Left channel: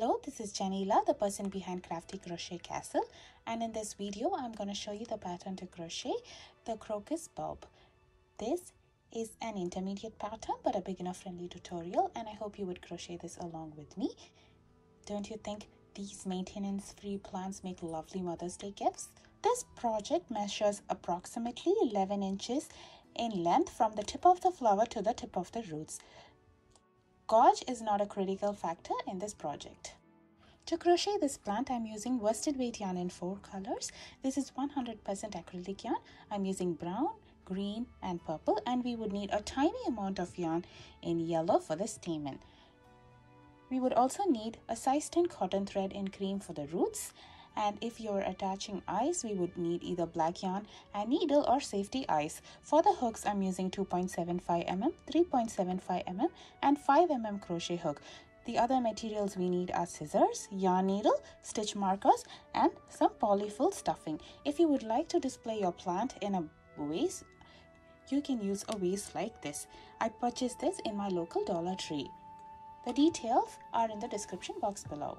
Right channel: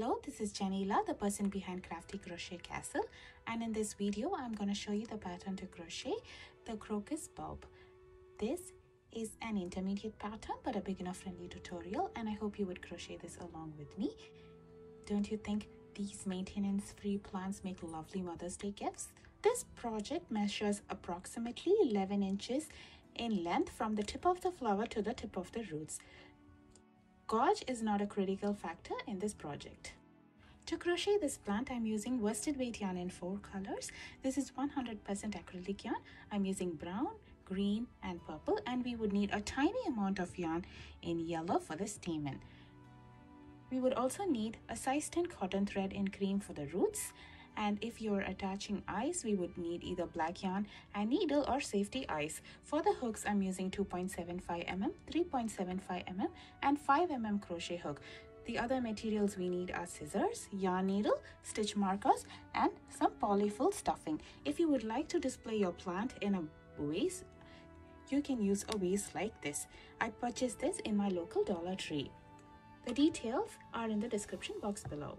Hello, this is Janila, the person behind Crafty Crochet Castle, and in this video I'm going to show you the pattern to crochet the crocus bulb. This is an intermediate pattern but a beginner friendly tutorial, and I hope you would crochet this along with me. Don't you think these maintenance free plants make lovely Mother's Day gifts? This project measures approximately 11 inches in length from the tip of the flower to the tip of the roots. Gauge is not a critical factor in this project. To crochet this plant, I'm using worsted weight yarn in 4 colors. This is 100% acrylic yarn. I'm using brown, green and purple, and we would need a tiny amount of yarn in yellow for the stamen. We would also need a size 10 cotton thread in cream for the roots, and if you're attaching eyes, we would need either black yarn and needle or safety eyes. For the hooks, I'm using 2.75 mm, 3.75 mm and 5 mm crochet hook. The other materials we need are scissors, yarn needle, stitch markers and some polyfill stuffing. If you would like to display your plant in a vase, you can use a vase like this. I purchased this in my local Dollar Tree. The details are in the description box below.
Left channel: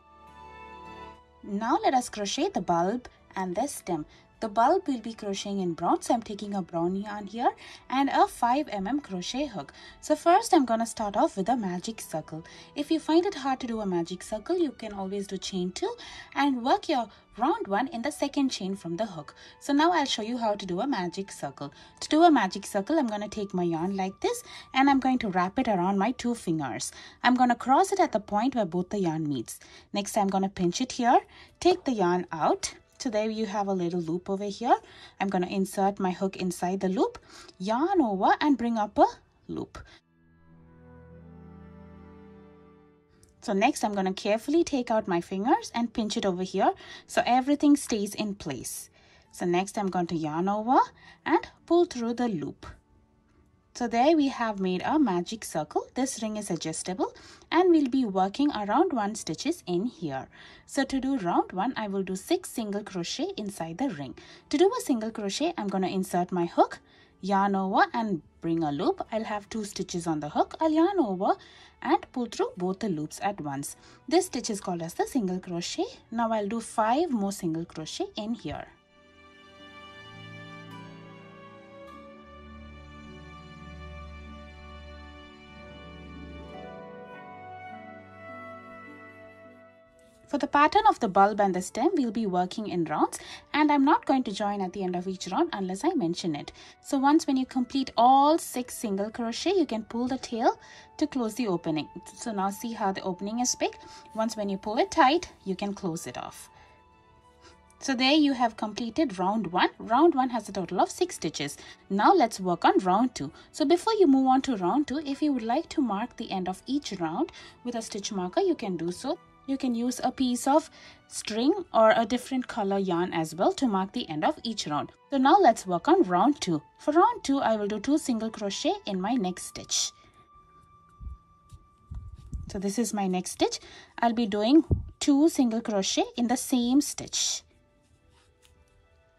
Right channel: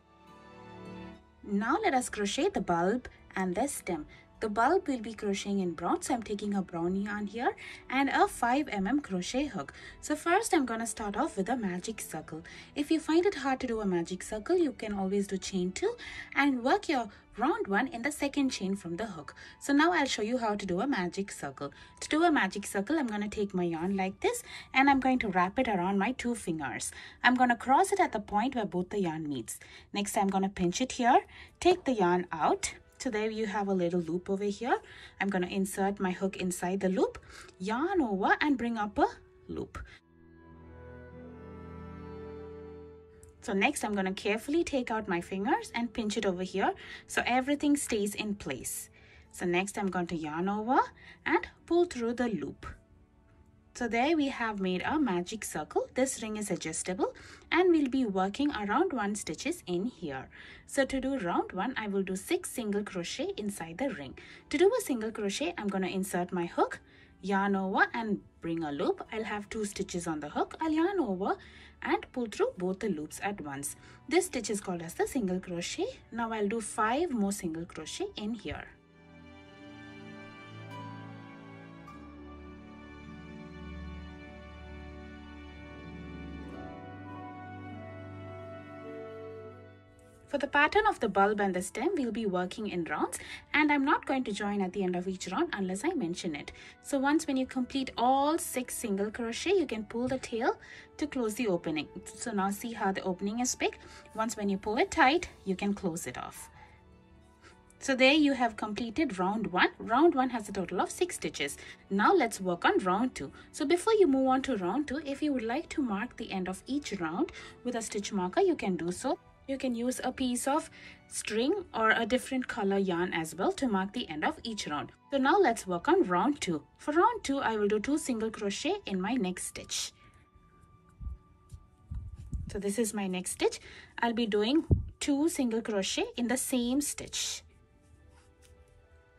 Now let us crochet the bulb and the stem. The bulb will be crocheting in brown, so I'm taking a brown yarn here and a 5 mm crochet hook. So first I'm gonna start off with a magic circle. If you find it hard to do a magic circle, you can always do chain 2 and work your round one in the second chain from the hook. So now I'll show you how to do a magic circle. To do a magic circle, I'm going to take my yarn like this and I'm going to wrap it around my 2 fingers. I'm going to cross it at the point where both the yarn meets. Next, I'm going to pinch it here, take the yarn out. So there you have a little loop over here. I'm going to insert my hook inside the loop, yarn over and bring up a loop. So next I'm going to carefully take out my fingers and pinch it over here so everything stays in place. So next I'm going to yarn over and pull through the loop. So there we have made a magic circle. This ring is adjustable and we'll be working around 1 stitches in here. So to do round 1, I will do 6 single crochet inside the ring. To do a single crochet, I'm going to insert my hook, yarn over and bring a loop. I'll have 2 stitches on the hook. I'll yarn over and pull through both the loops at once. This stitch is called as the single crochet. Now I'll do 5 more single crochet in here. For the pattern of the bulb and the stem, we'll be working in rounds, and I'm not going to join at the end of each round unless I mention it. So once when you complete all 6 single crochet, you can pull the tail to close the opening. So now see how the opening is big. Once when you pull it tight, you can close it off. So there you have completed round 1. Round 1 has a total of 6 stitches. Now let's work on round 2. So before you move on to round 2, if you would like to mark the end of each round with a stitch marker, you can do so. You can use a piece of string or a different color yarn as well to mark the end of each round. So now let's work on round 2. For round 2, I will do 2 single crochet in my next stitch. So this is my next stitch. I'll be doing 2 single crochet in the same stitch.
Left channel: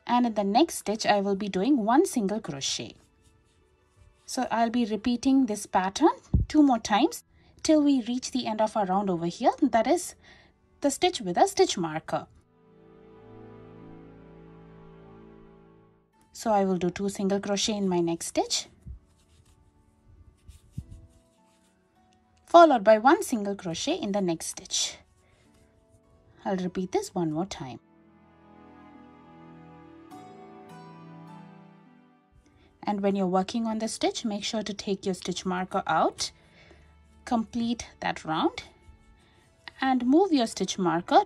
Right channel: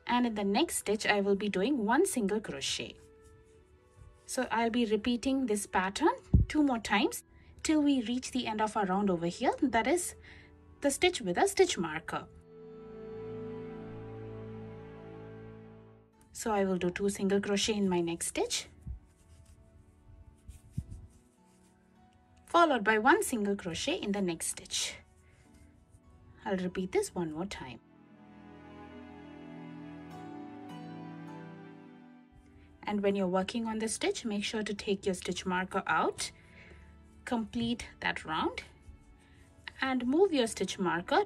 And in the next stitch, I will be doing 1 single crochet. So I'll be repeating this pattern 2 more times till we reach the end of our round over here, that is the stitch with a stitch marker. So I will do 2 single crochet in my next stitch, followed by 1 single crochet in the next stitch. I'll repeat this 1 more time. And when you're working on the stitch, make sure to take your stitch marker out. Complete that round and move your stitch marker.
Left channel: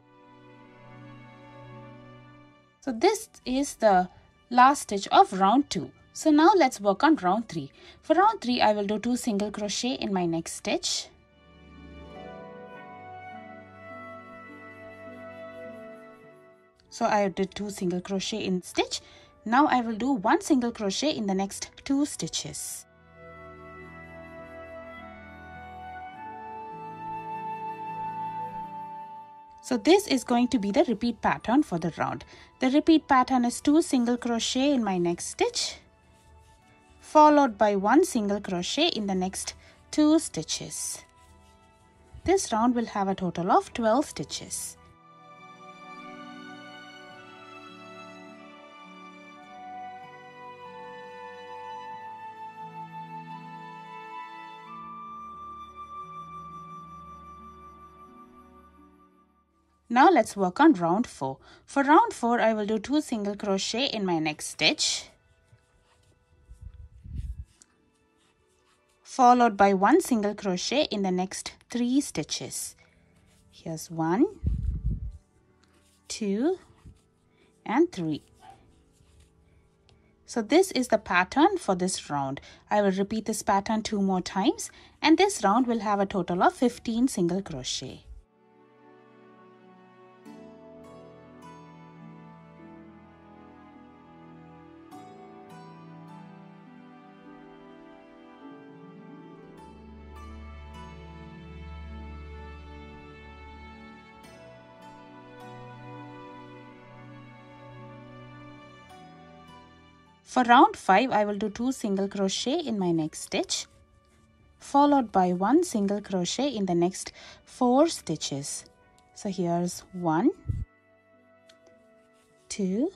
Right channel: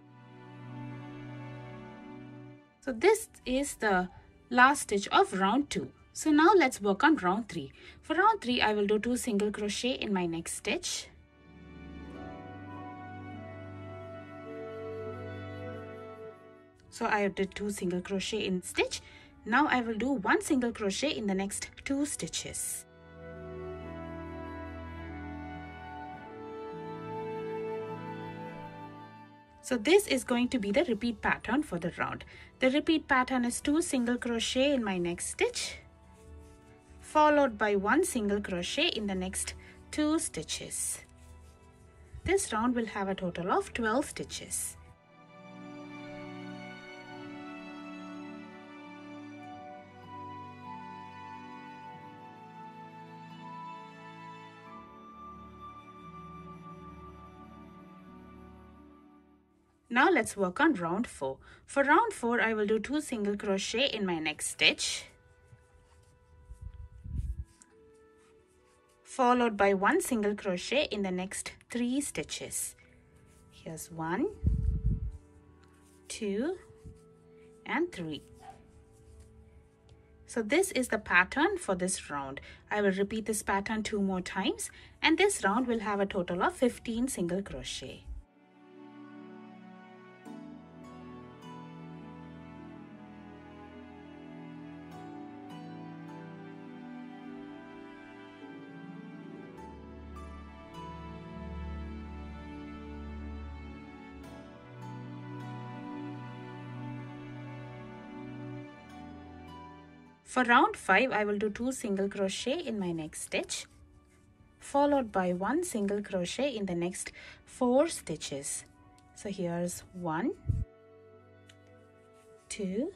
So this is the last stitch of round 2. So now let's work on round 3. For round 3, I will do 2 single crochet in my next stitch. So I did 2 single crochet in stitch. Now I will do 1 single crochet in the next 2 stitches. So this is going to be the repeat pattern for the round. The repeat pattern is 2 single crochet in my next stitch, followed by 1 single crochet in the next 2 stitches. This round will have a total of 12 stitches. Now let's work on round 4. For round 4, I will do 2 single crochet in my next stitch, followed by 1 single crochet in the next 3 stitches. Here's 1, 2, and 3. So this is the pattern for this round. I will repeat this pattern 2 more times, and this round will have a total of 15 single crochet. For round 5, I will do 2 single crochet in my next stitch, followed by 1 single crochet in the next 4 stitches. So here's 1, 2,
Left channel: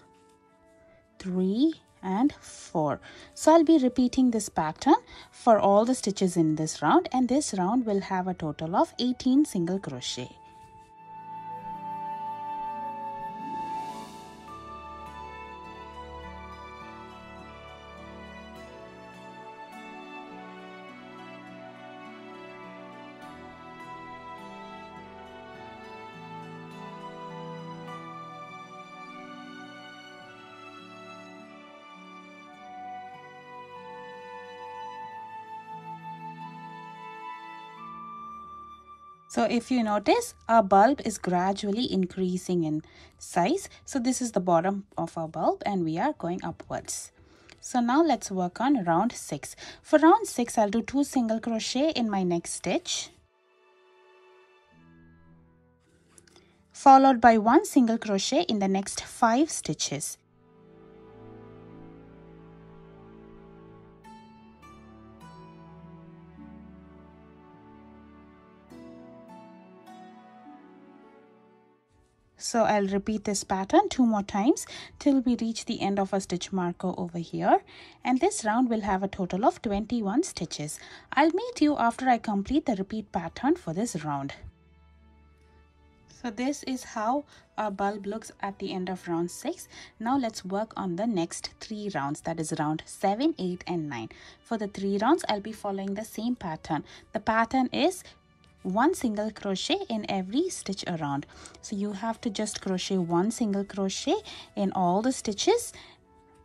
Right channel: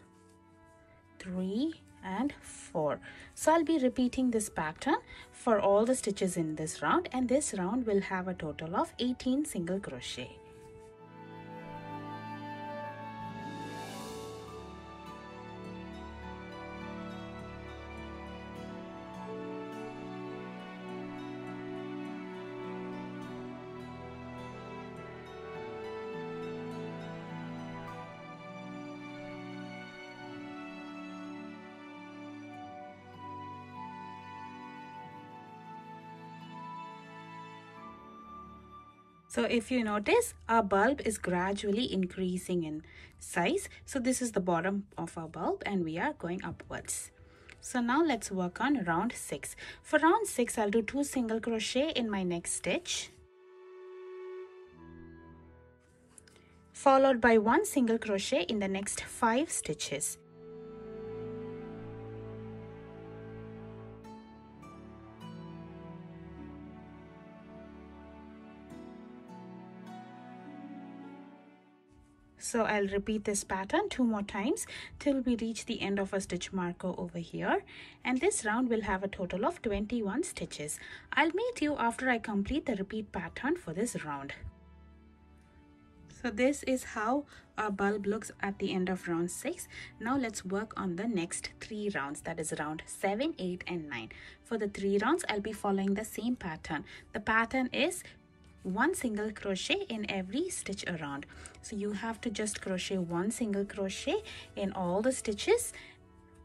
3, and 4. So I'll be repeating this pattern for all the stitches in this round, and this round will have a total of 18 single crochet. So if you notice, our bulb is gradually increasing in size. So this is the bottom of our bulb and we are going upwards. So now let's work on round 6. For round 6, I'll do 2 single crochet in my next stitch, followed by 1 single crochet in the next 5 stitches. So I'll repeat this pattern 2 more times till we reach the end of a stitch marker over here. And this round will have a total of 21 stitches. I'll meet you after I complete the repeat pattern for this round. So this is how our bulb looks at the end of round 6. Now let's work on the next 3 rounds, that is round 7, 8, and 9. For the 3 rounds, I'll be following the same pattern. The pattern is 1 single crochet in every stitch around. So you have to just crochet 1 single crochet in all the stitches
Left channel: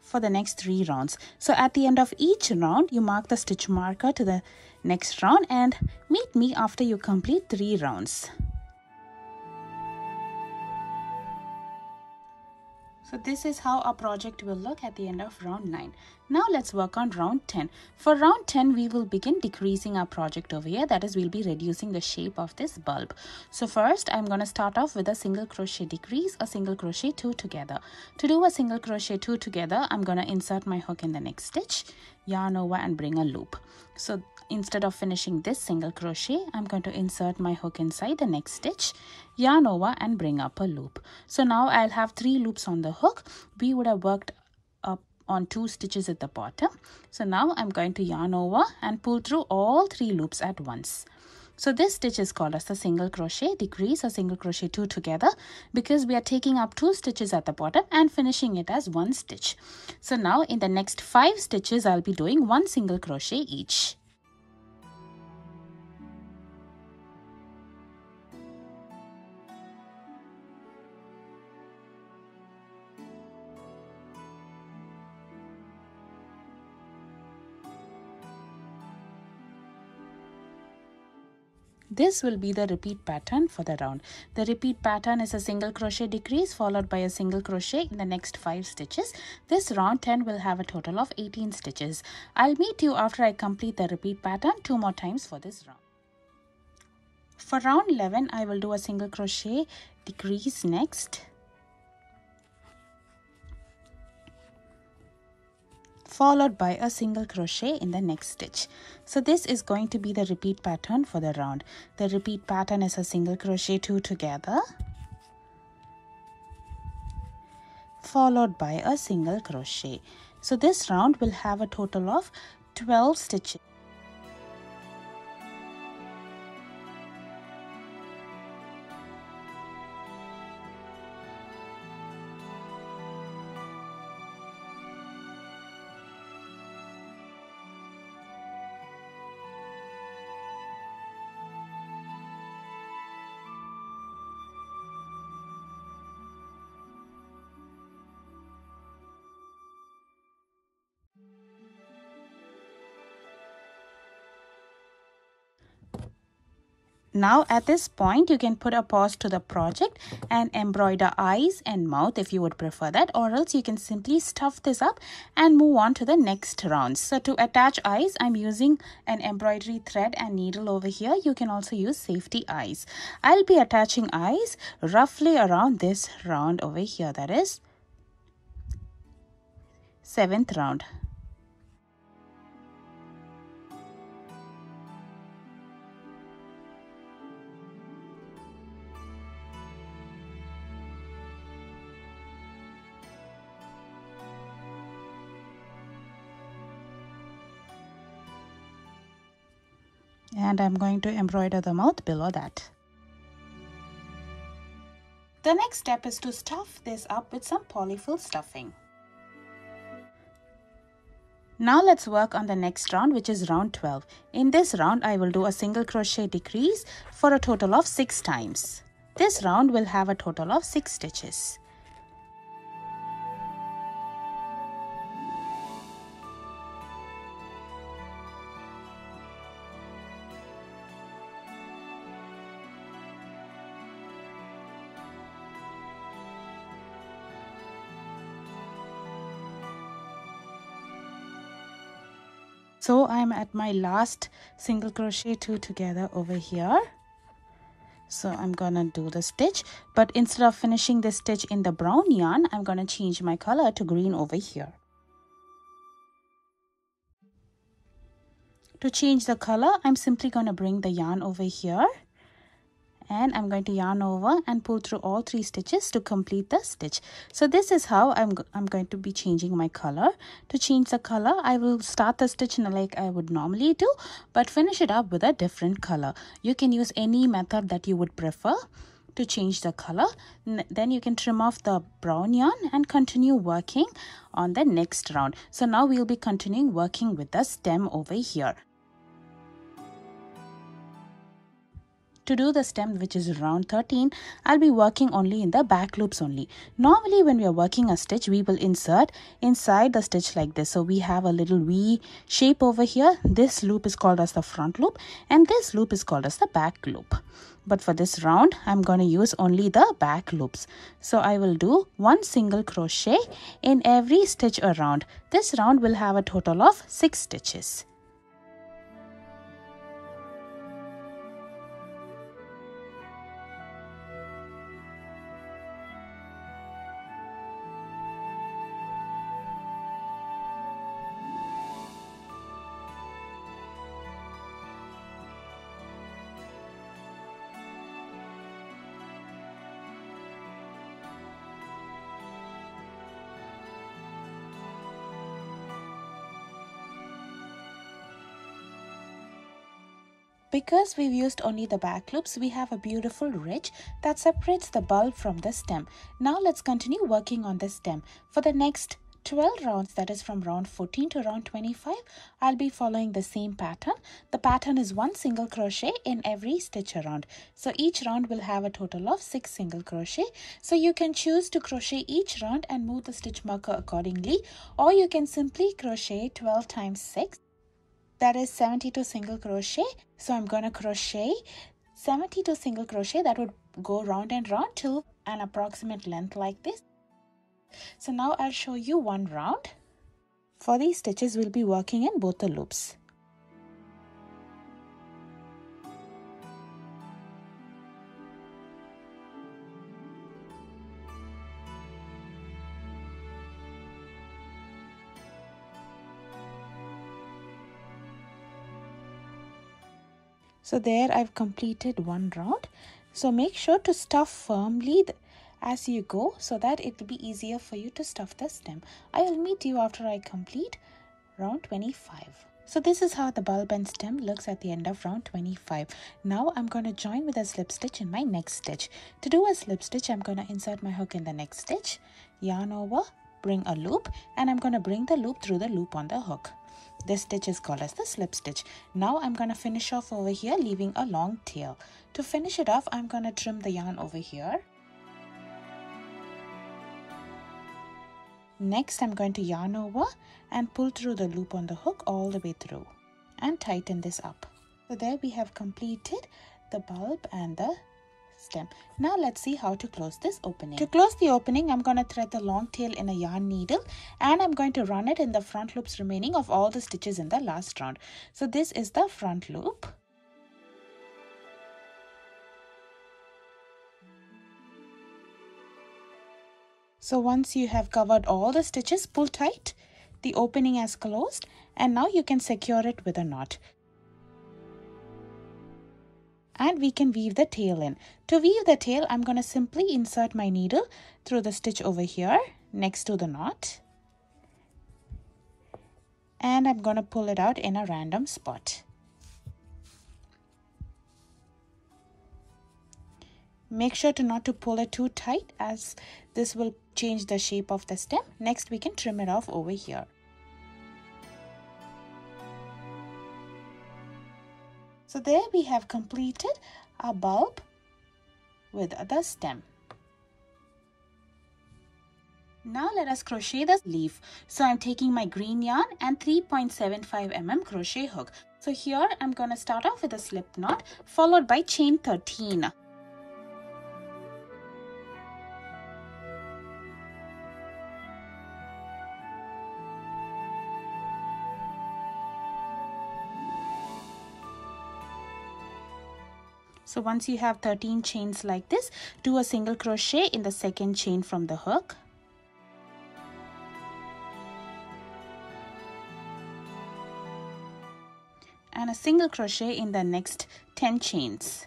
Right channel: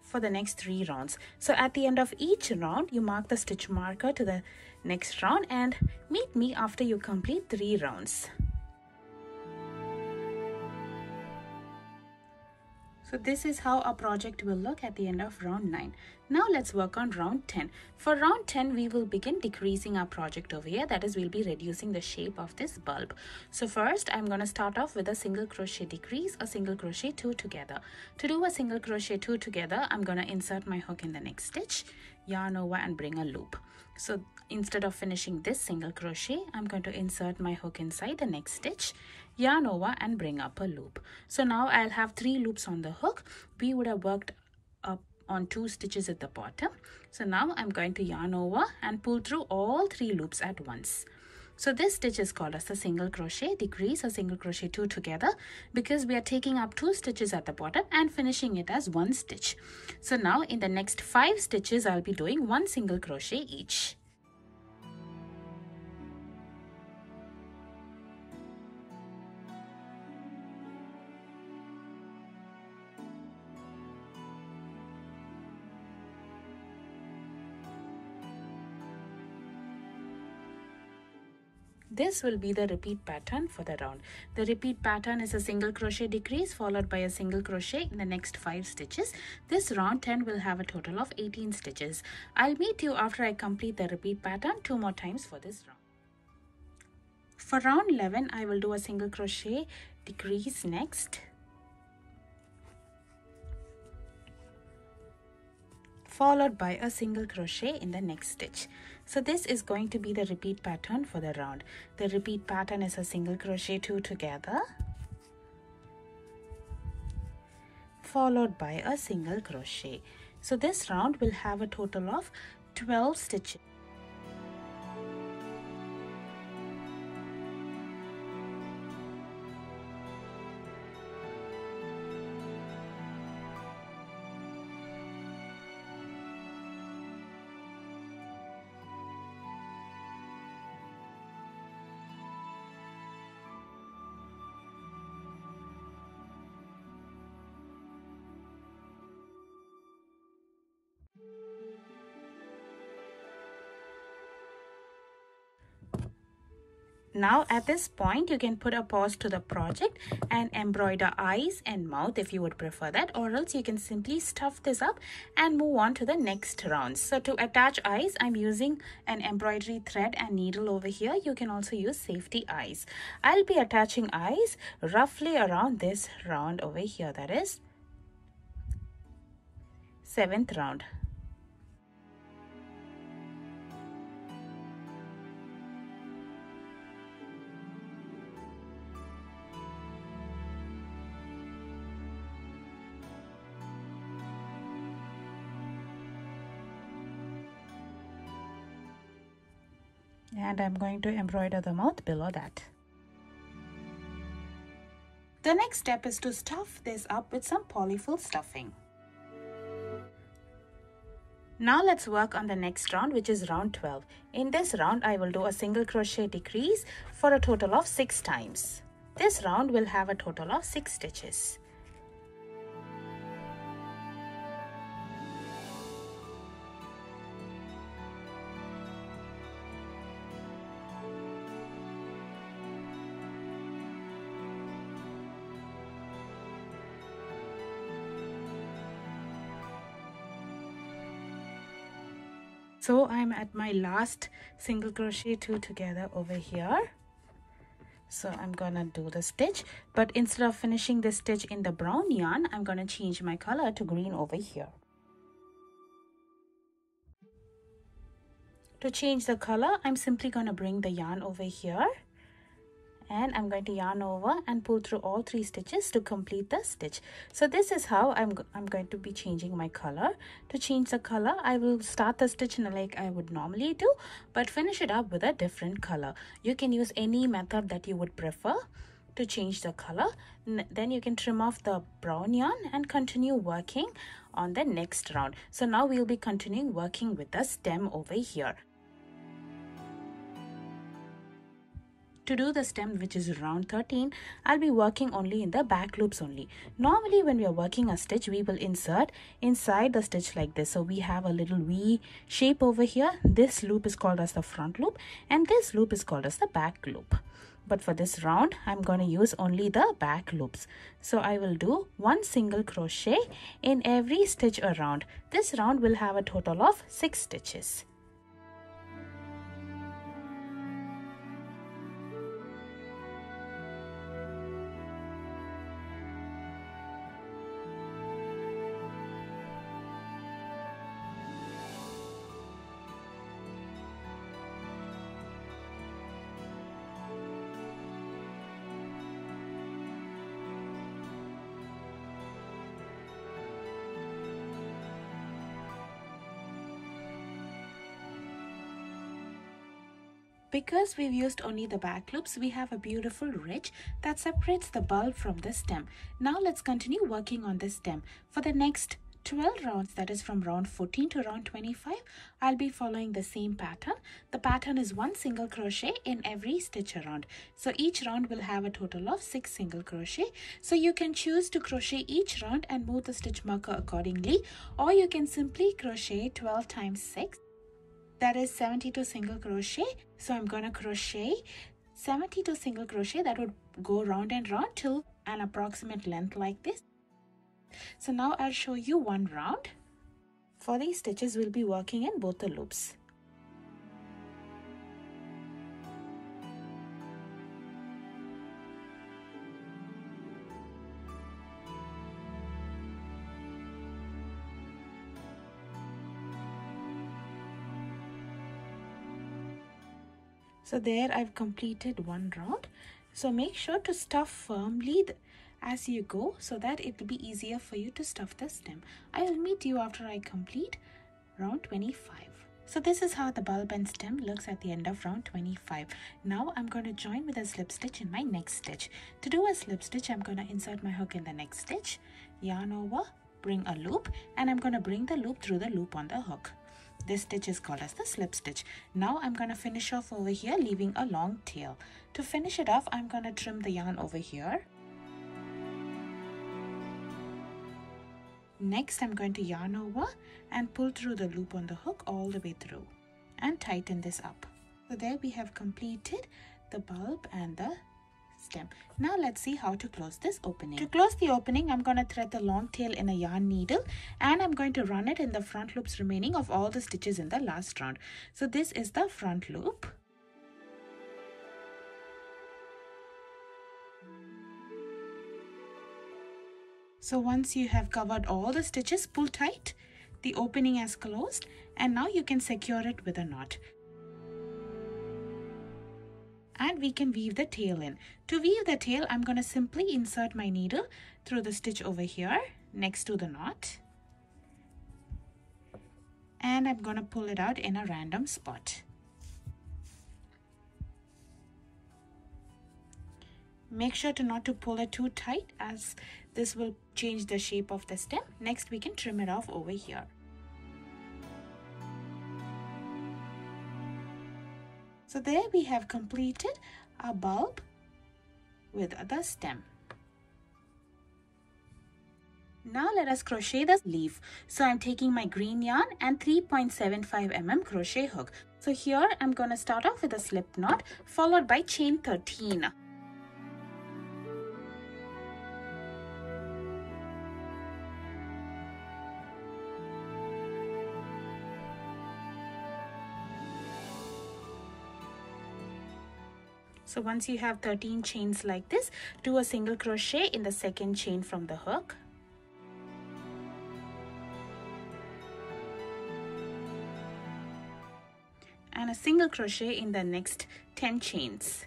for the next 3 rounds. So at the end of each round, you mark the stitch marker to the next round and meet me after you complete 3 rounds. So this is how our project will look at the end of round 9. Now let's work on round 10. For round 10, we will begin decreasing our project over here. That is, we'll be reducing the shape of this bulb. So first, I'm going to start off with a single crochet decrease, a single crochet 2 together. To do a single crochet 2 together, I'm going to insert my hook in the next stitch, yarn over and bring a loop. So instead of finishing this single crochet, I'm going to insert my hook inside the next stitch, yarn over and bring up a loop. So now I'll have 3 loops on the hook. We would have worked up on 2 stitches at the bottom. So now I'm going to yarn over and pull through all 3 loops at once. So this stitch is called as the single crochet decrease, a single crochet 2 together, because we are taking up 2 stitches at the bottom and finishing it as 1 stitch. So now in the next 5 stitches, I'll be doing 1 single crochet each. This will be the repeat pattern for the round. The repeat pattern is a single crochet decrease followed by a single crochet in the next 5 stitches. This round 10 will have a total of 18 stitches. I'll meet you after I complete the repeat pattern 2 more times for this round. For round 11, I will do a single crochet decrease next, followed by a single crochet in the next stitch. So this is going to be the repeat pattern for the round. The repeat pattern is a single crochet 2 together, followed by a single crochet. So this round will have a total of 12 stitches. Now at this point you can put a pause to the project and embroider eyes and mouth if you would prefer that, or else you can simply stuff this up and move on to the next round. So to attach eyes, I'm using an embroidery thread and needle over here. You can also use safety eyes. I'll be attaching eyes roughly around this round over here, that is 7th round. And I'm going to embroider the mouth below that. The next step is to stuff this up with some polyfill stuffing. Now let's work on the next round, which is round 12. In this round, I will do a single crochet decrease for a total of 6 times. This round will have a total of 6 stitches. So I'm at my last single crochet 2 together over here. So I'm gonna do the stitch, but instead of finishing this stitch in the brown yarn, I'm gonna change my color to green over here. To change the color, I'm simply gonna bring the yarn over here, and I'm going to yarn over and pull through all 3 stitches to complete the stitch. So this is how I'm going to be changing my color. To change the color, I will start the stitch like I would normally do, but finish it up with a different color. You can use any method that you would prefer to change the color. Then you can trim off the brown yarn and continue working on the next round. So now we'll be continuing working with the stem over here. To do the stem, which is round 13, I'll be working only in the back loops only. Normally when we are working a stitch, we will insert inside the stitch like this. So we have a little V shape over here. This loop is called as the front loop and this loop is called as the back loop. But for this round, I'm going to use only the back loops. So I will do 1 single crochet in every stitch around. This round will have a total of 6 stitches. Because we've used only the back loops, we have a beautiful ridge that separates the bulb from the stem. Now let's continue working on the stem. For the next 12 rounds, that is from round 14 to round 25, I'll be following the same pattern. The pattern is 1 single crochet in every stitch around. So each round will have a total of 6 single crochet. So you can choose to crochet each round and move the stitch marker accordingly, or you can simply crochet 12 times 6. That is 72 single crochet. So I'm going to crochet 72 single crochet. That would go round and round to an approximate length like this. So now I'll show you one round. For these stitches, we'll be working in both the loops. So there I've completed one round. So make sure to stuff firmly as you go so that it will be easier for you to stuff the stem. I will meet you after I complete round 25. So this is how the bulb and stem looks at the end of round 25. Now I'm going to join with a slip stitch in my next stitch. To do a slip stitch, I'm going to insert my hook in the next stitch, yarn over, bring a loop, and I'm going to bring the loop through the loop on the hook. This stitch is called as the slip stitch. Now I'm going to finish off over here, leaving a long tail. To finish it off, I'm going to trim the yarn over here. Next, I'm going to yarn over and pull through the loop on the hook all the way through and tighten this up. So there we have completed the bulb and the stem. Now let's see how to close this opening. To close the opening, I'm going to thread the long tail in a yarn needle and I'm going to run it in the front loops remaining of all the stitches in the last round. So this is the front loop. So once you have covered all the stitches, pull tight. The opening has closed and now you can secure it with a knot. And we can weave the tail in. To weave the tail, I'm going to simply insert my needle through the stitch over here next to the knot. And I'm going to pull it out in a random spot. Make sure not to pull it too tight as this will change the shape of the stem. Next, we can trim it off over here. So there we have completed our bulb with the stem. Now let us crochet the leaf. So I'm taking my green yarn and 3.75 mm crochet hook. So here I'm going to start off with a slip knot followed by chain 13. So once you have 13 chains like this, do a single crochet in the second chain from the hook. And a single crochet in the next 10 chains.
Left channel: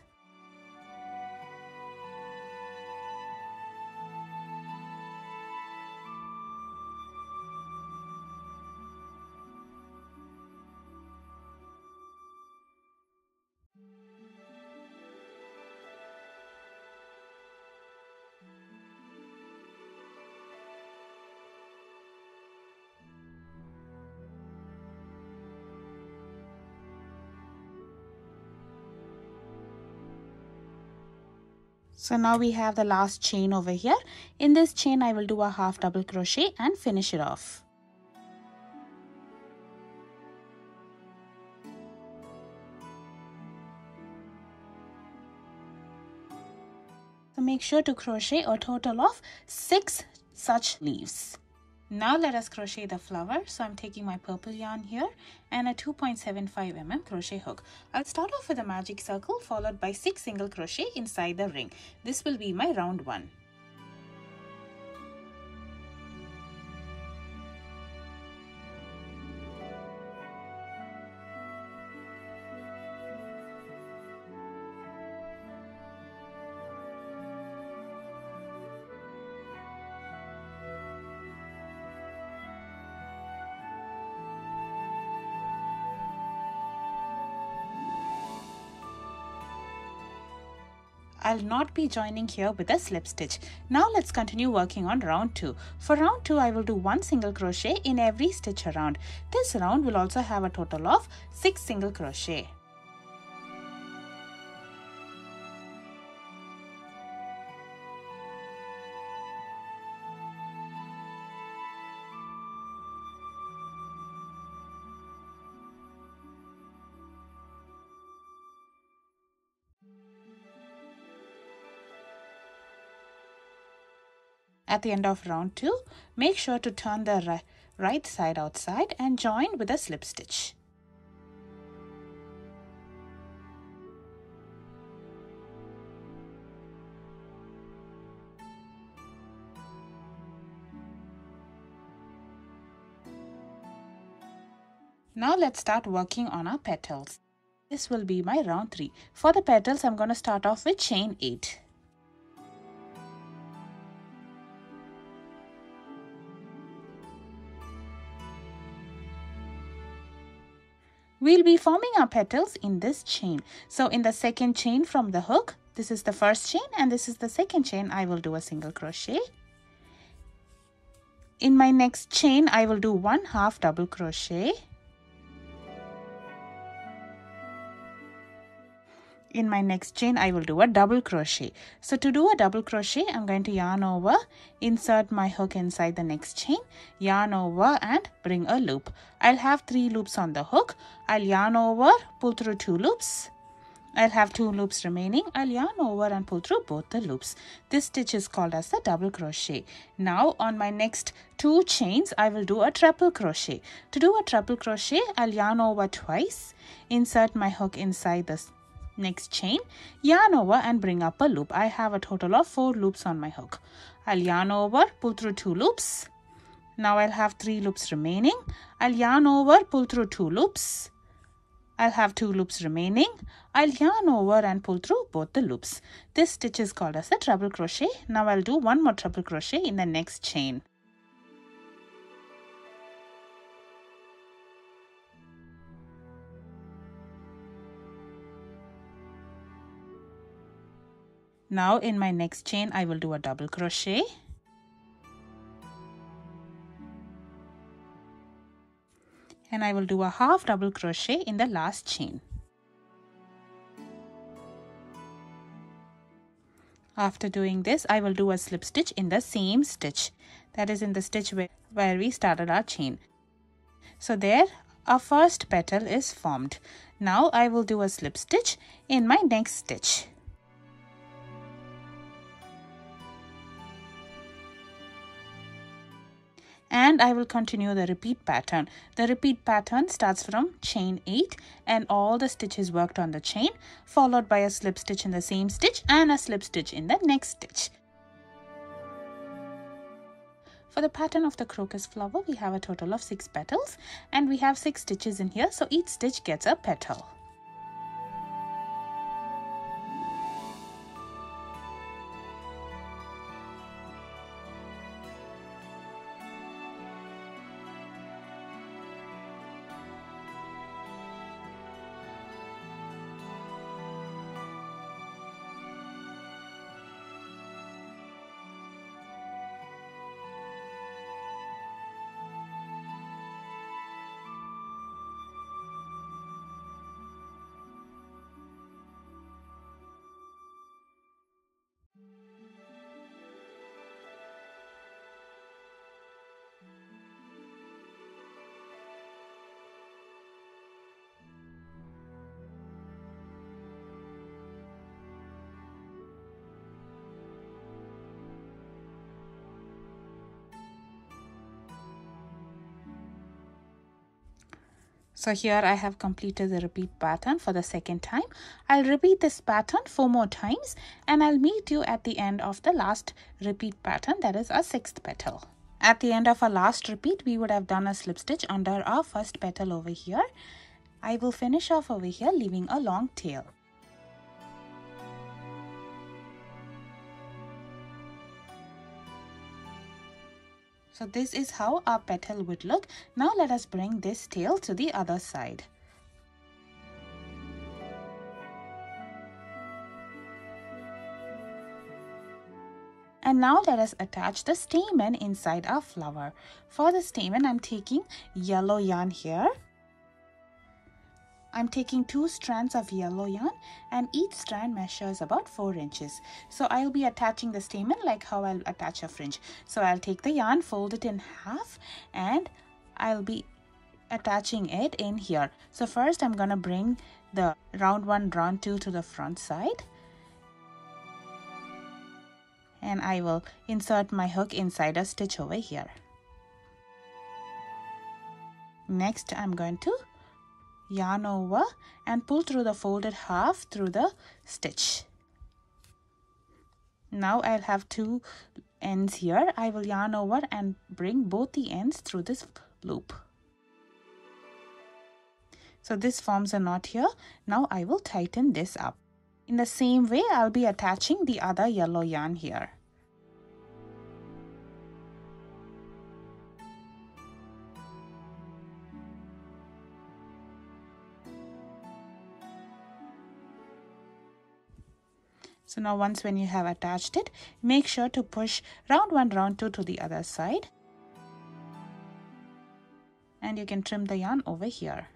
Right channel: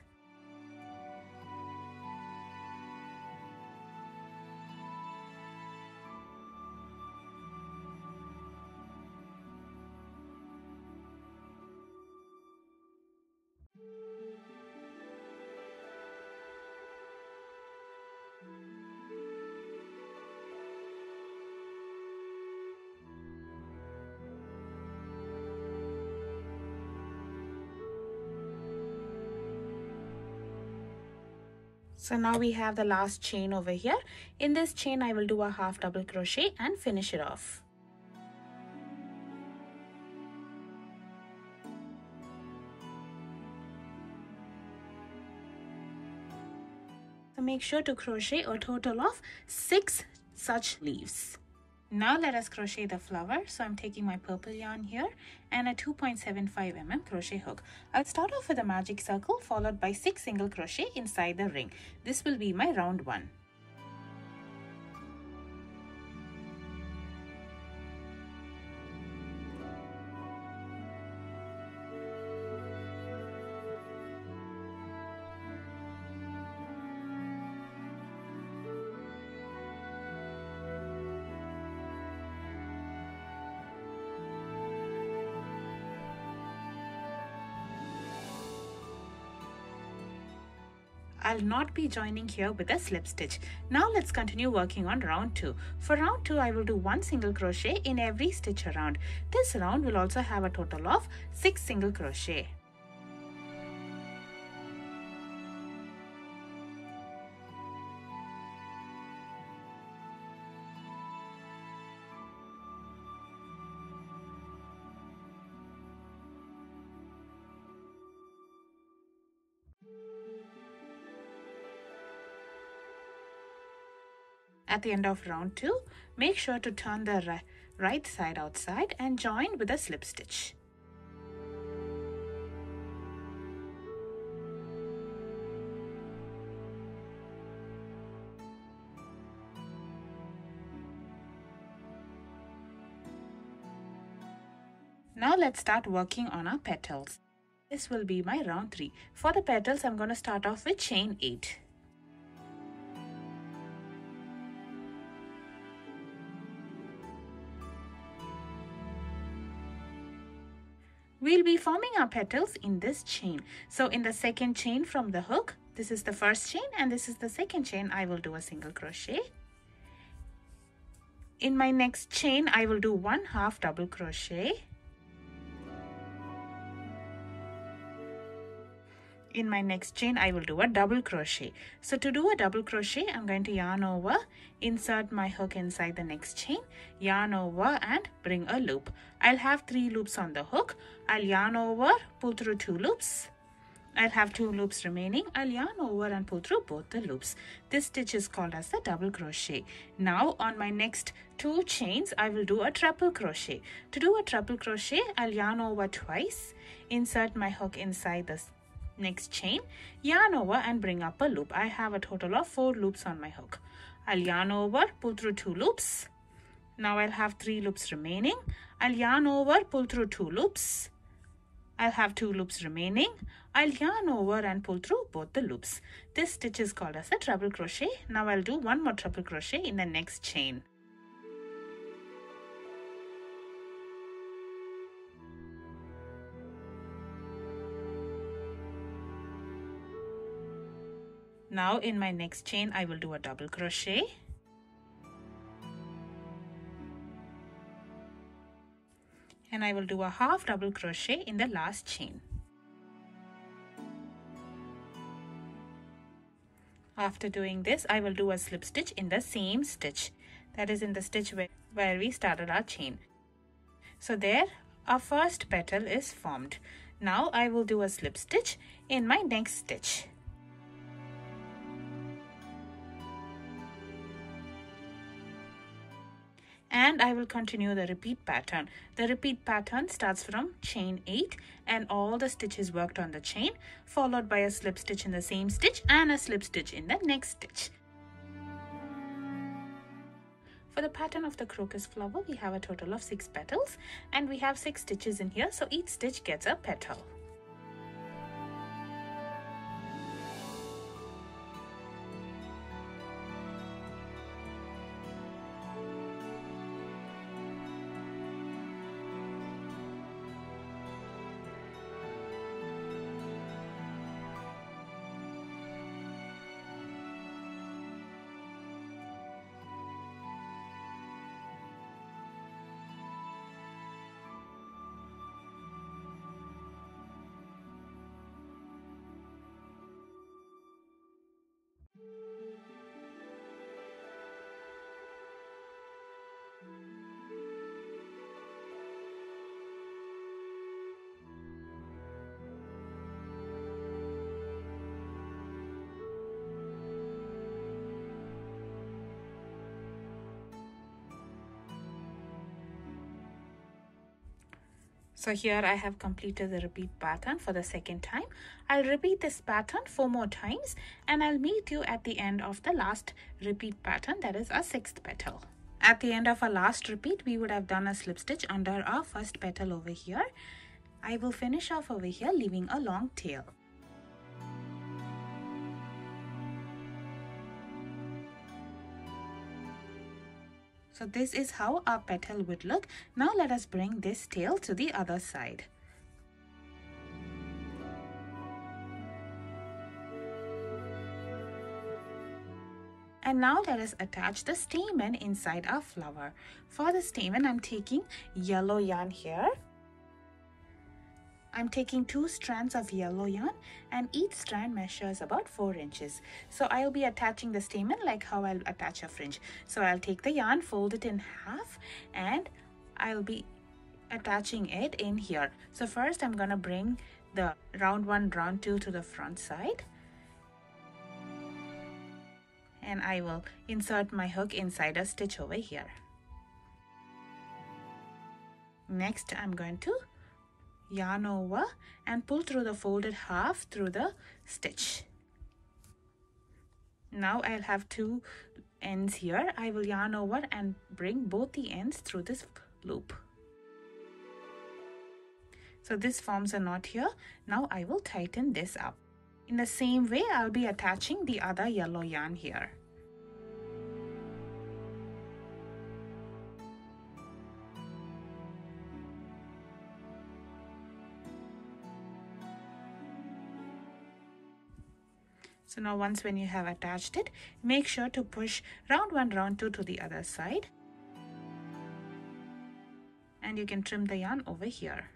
So now we have the last chain over here. In this chain, I will do a half double crochet and finish it off. So make sure to crochet a total of 6 such leaves. Now let us crochet the flower. So I'm taking my purple yarn here and a 2.75 mm crochet hook. I'll start off with a magic circle followed by 6 single crochet inside the ring. This will be my round 1. I'll not be joining here with a slip stitch. Now let's continue working on round 2. For round 2, I will do 1 single crochet in every stitch around. This round will also have a total of 6 single crochet. At the end of round 2, make sure to turn the right side outside and join with a slip stitch. Now let's start working on our petals. This will be my round 3. For the petals, I'm going to start off with chain 8. We'll be forming our petals in this chain. So in the second chain from the hook, this is the first chain and this is the second chain, I will do a single crochet. In my next chain, I will do 1 half double crochet. In my next chain, I will do a double crochet. So to do a double crochet, I'm going to yarn over, insert my hook inside the next chain, yarn over and bring a loop. I'll have 3 loops on the hook. I'll yarn over, pull through 2 loops. I'll have 2 loops remaining. I'll yarn over and pull through both the loops. This stitch is called as the double crochet. Now on my next 2 chains, I will do a treble crochet. To do a treble crochet, I'll yarn over twice, insert my hook inside this next chain, yarn over and bring up a loop. I have a total of 4 loops on my hook. I'll yarn over, pull through 2 loops. Now I'll have 3 loops remaining. I'll yarn over, pull through 2 loops. I'll have 2 loops remaining. I'll yarn over and pull through both the loops. This stitch is called as a treble crochet. Now I'll do 1 more treble crochet in the next chain. Now in my next chain, I will do a double crochet. And I will do a half double crochet in the last chain. After doing this, I will do a slip stitch in the same stitch. That is in the stitch where we started our chain. So there, our first petal is formed. Now I will do a slip stitch in my next stitch. And I will continue the repeat pattern. The repeat pattern starts from chain 8 and all the stitches worked on the chain, followed by a slip stitch in the same stitch and a slip stitch in the next stitch. For the pattern of the crocus flower, we have a total of 6 petals and we have 6 stitches in here, so each stitch gets a petal. So here I have completed the repeat pattern for the second time. I'll repeat this pattern 4 more times and I'll meet you at the end of the last repeat pattern, that is our 6th petal. At the end of our last repeat, we would have done a slip stitch under our first petal over here. I will finish off over here leaving a long tail. So this is how our petal would look. Now let us bring this tail to the other side. And now let us attach the stamen inside our flower. For the stamen, I'm taking yellow yarn here. I'm taking 2 strands of yellow yarn and each strand measures about 4 inches. So I'll be attaching the stamen like how I'll attach a fringe. So I'll take the yarn, fold it in half and I'll be attaching it in here. So first I'm going to bring the round 1, round 2 to the front side. And I will insert my hook inside a stitch over here. Next I'm going to yarn over and pull through the folded half through the stitch. Now I'll have 2 ends here. I will yarn over and bring both the ends through this loop. So this forms a knot here. Now I will tighten this up. In the same way, I'll be attaching the other yellow yarn here. So now once when you have attached it, make sure to push round 1, round 2 to the other side. And you can trim the yarn over here.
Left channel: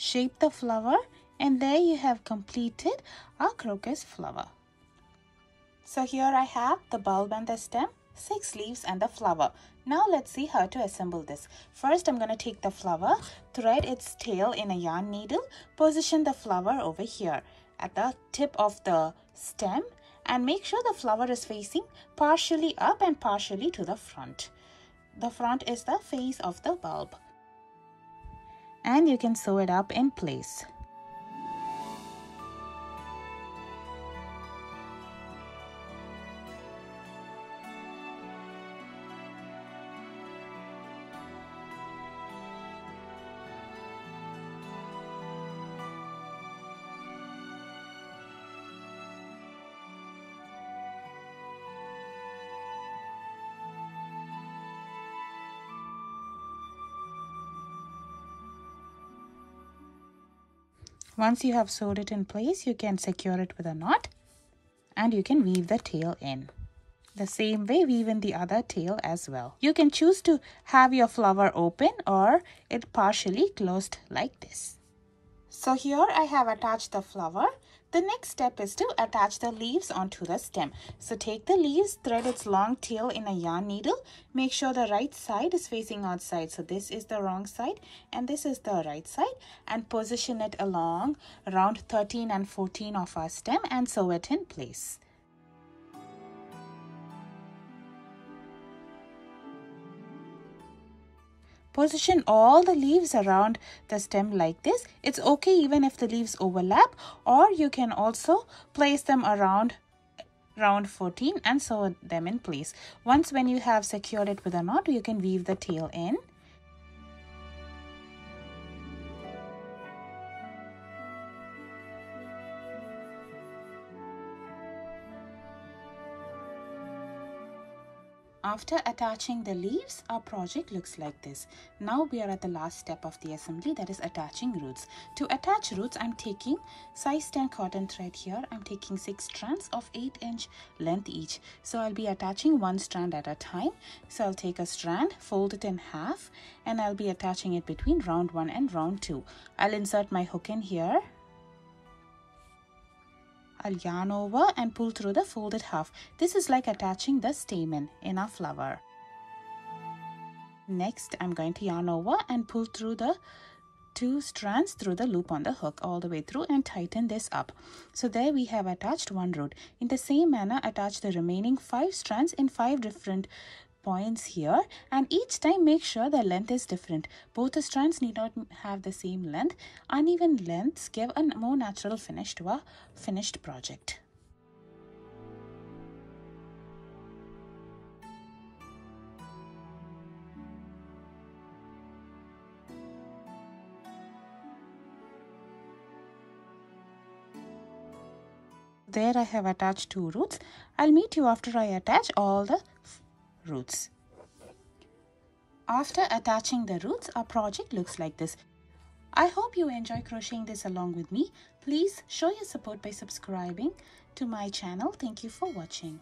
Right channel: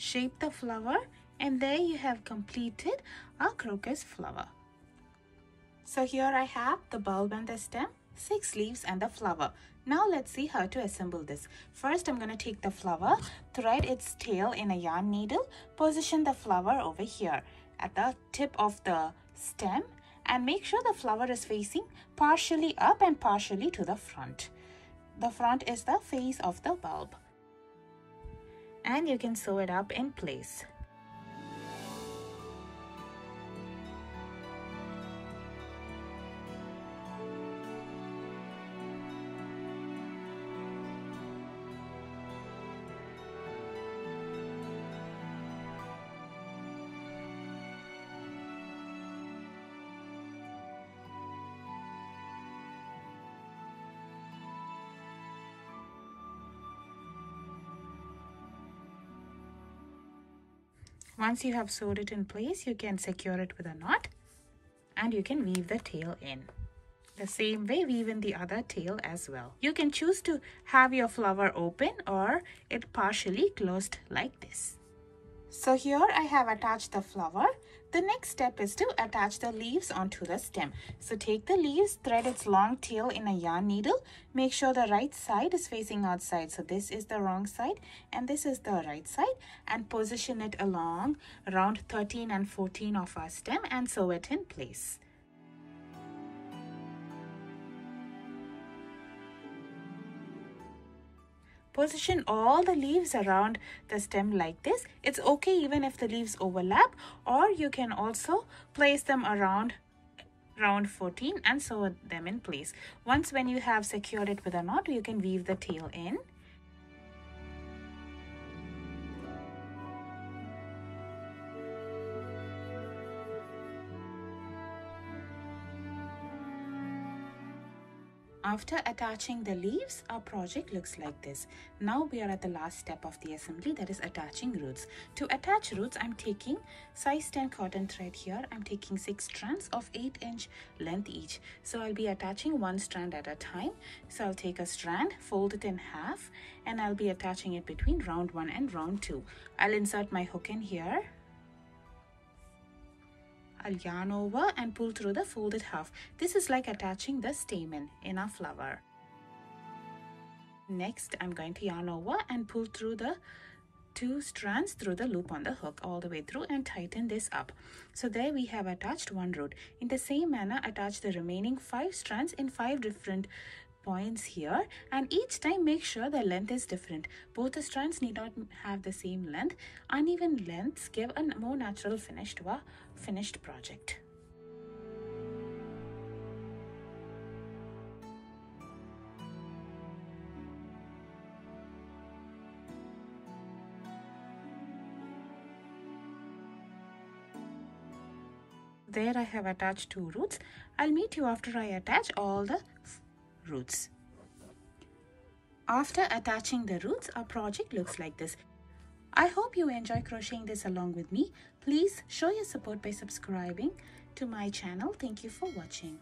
Shape the flower, and there you have completed our crocus flower. So here I have the bulb and the stem, 6 leaves and the flower. Now let's see how to assemble this. First, I'm going to take the flower, thread its tail in a yarn needle, position the flower over here at the tip of the stem, and make sure the flower is facing partially up and partially to the front. The front is the face of the bulb. And you can sew it up in place. Once you have sewed it in place, you can secure it with a knot and you can weave the tail in. The same way, weave in the other tail as well. You can choose to have your flower open or it partially closed like this. So here I have attached the flower. The next step is to attach the leaves onto the stem. So take the leaves, thread its long tail in a yarn needle. Make sure the right side is facing outside. So this is the wrong side and this is the right side. And position it along around 13 and 14 of our stem and sew it in place. Position all the leaves around the stem like this. It's okay even if the leaves overlap, or you can also place them around 14 and sew them in place. Once when you have secured it with a knot, you can weave the tail in. After attaching the leaves, our project looks like this. Now we are at the last step of the assembly, that is attaching roots. To attach roots, I'm taking size 10 cotton thread here. I'm taking 6 strands of 8-inch length each. So I'll be attaching one strand at a time. So I'll take a strand, fold it in half, and I'll be attaching it between round 1 and round 2. I'll insert my hook in here. I'll yarn over and pull through the folded half. This is like attaching the stamen in our flower. Next, I'm going to yarn over and pull through the 2 strands through the loop on the hook all the way through and tighten this up. So there we have attached one root. In the same manner, attach the remaining 5 strands in 5 different points here, and each time make sure the length is different. Both the strands need not have the same length. Uneven lengths give a more natural finish to a finished project. There I have attached 2 roots. I'll meet you after I attach all the roots. After attaching the roots, our project looks like this. I hope you enjoy crocheting this along with me. Please show your support by subscribing to my channel. Thank you for watching.